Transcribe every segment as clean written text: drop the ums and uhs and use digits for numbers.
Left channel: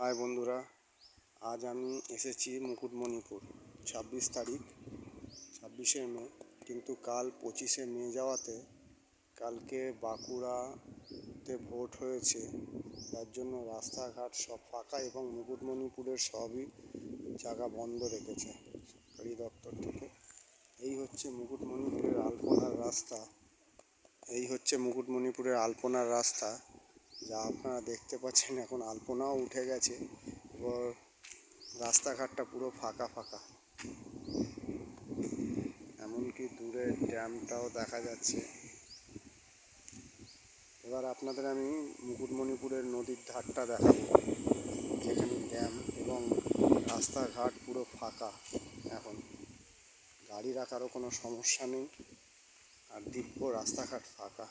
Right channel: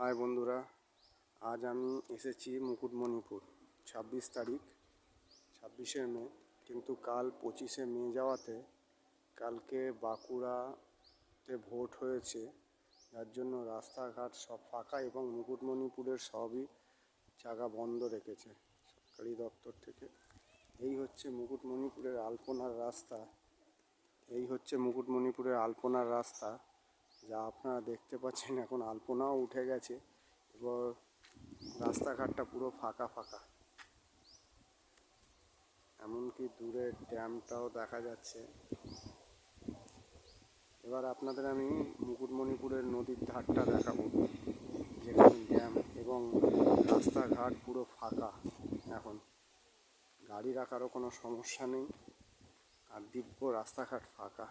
High বন্ধুরা, আজ আমি এসেছি মুকুটমণিপুর। 26 তারিখ, 26শে মে, কিন্তু কাল 25শে মে যাওয়াতে কালকে বাঁকুড়াতে ভোট হয়েছে, যার জন্য রাস্তাঘাট সব ফাঁকা এবং মুকুটমণিপুরের সবই জায়গা বন্ধ রেখেছে সরকারি দপ্তর থেকে। এই হচ্ছে মুকুটমণিপুরের আলপনার রাস্তা, যা আপনারা দেখতে পাচ্ছেন। এখন আলপনাও উঠে গেছে, এবার রাস্তাঘাটটা পুরো ফাঁকা ফাঁকা, এমনকি দূরে ড্যামটাও দেখা যাচ্ছে। এবার আপনাদের আমি মুকুটমণিপুরের নদীর ধারটা দেখাবো, যেখানে ড্যাম এবং রাস্তাঘাট পুরো ফাঁকা। এখন গাড়ি রাখারও কোনো সমস্যা নেই, আর দিব্য রাস্তাঘাট ফাঁকা।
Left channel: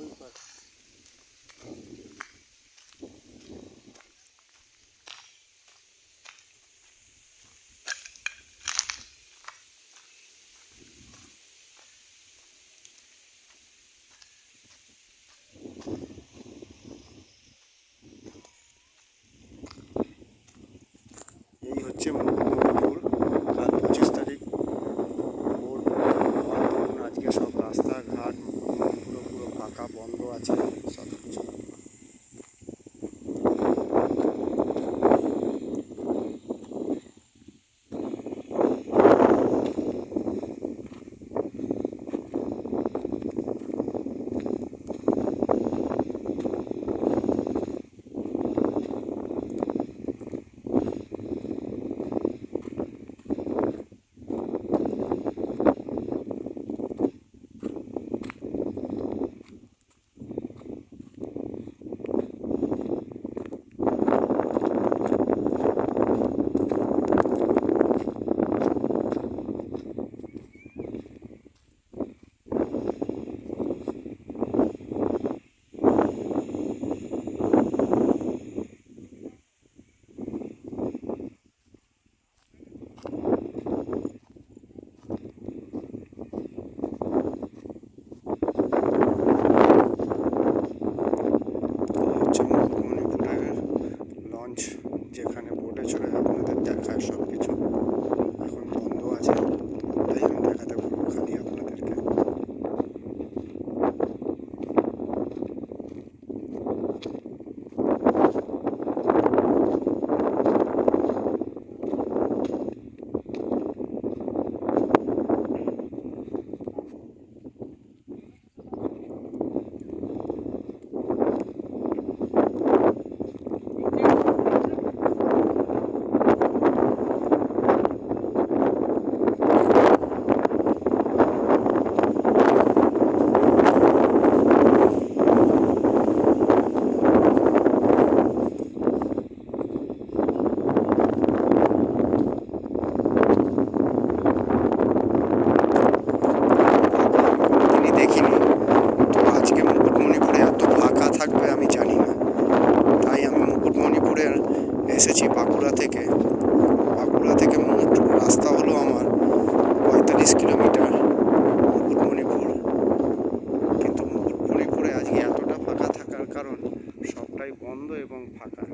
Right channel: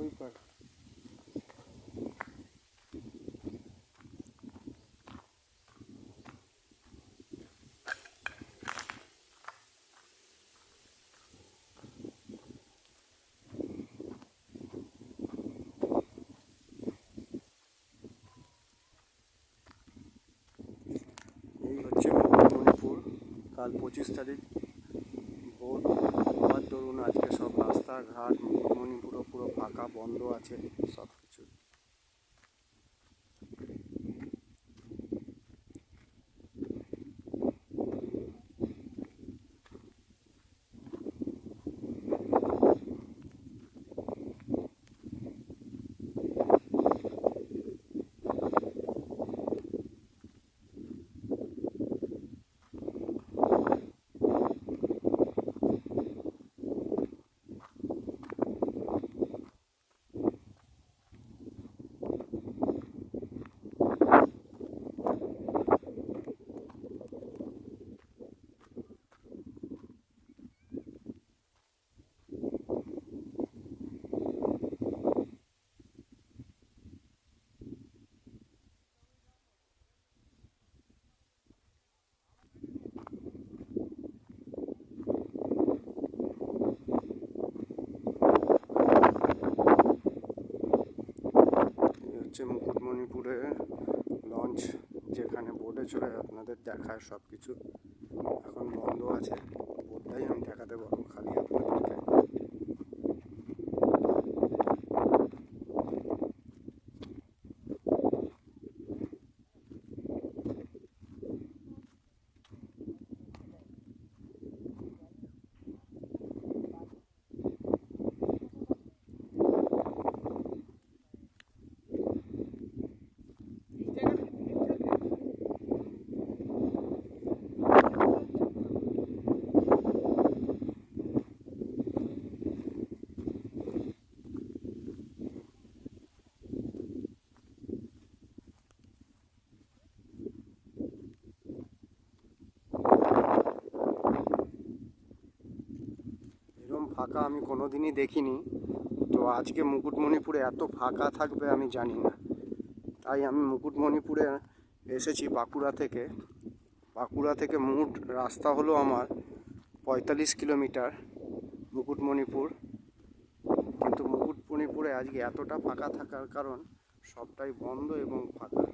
ওই পার এই হচ্ছে মুকুটমণিপুর। কাল 25 তারিখ ভোট হওয়ার দরুন আজকে সব রাস্তাঘাট মুকুটমণিপুরও পুরো ফাঁকা, বন্ধ আছে সব কিছু। মুকুটমণিপুরের লঞ্চ, যেখানে বোটে চড়ে আপনাদের দেখায় সব কিছু, এখন বন্ধ আছে। তাই আমি দেখাতে বলবো খালি আপনাদেরকে। দেখিনি তো, আজকে মুকুটমণিপুরে এত ফাঁকা থাকবে আমি জানি না। তাই আমি মুকুটমণিপুরে এসেছি বাঁকুড়া থেকে মোট রাস্তা হলো আমার 45 কিলোমিটার মুকুটমণিপুর। কিন্তু মুকুটমণিপুরে আজকে এতটা ফাঁকা থাকার কারণ সবটাই বন্ধ এবং ফাঁকা।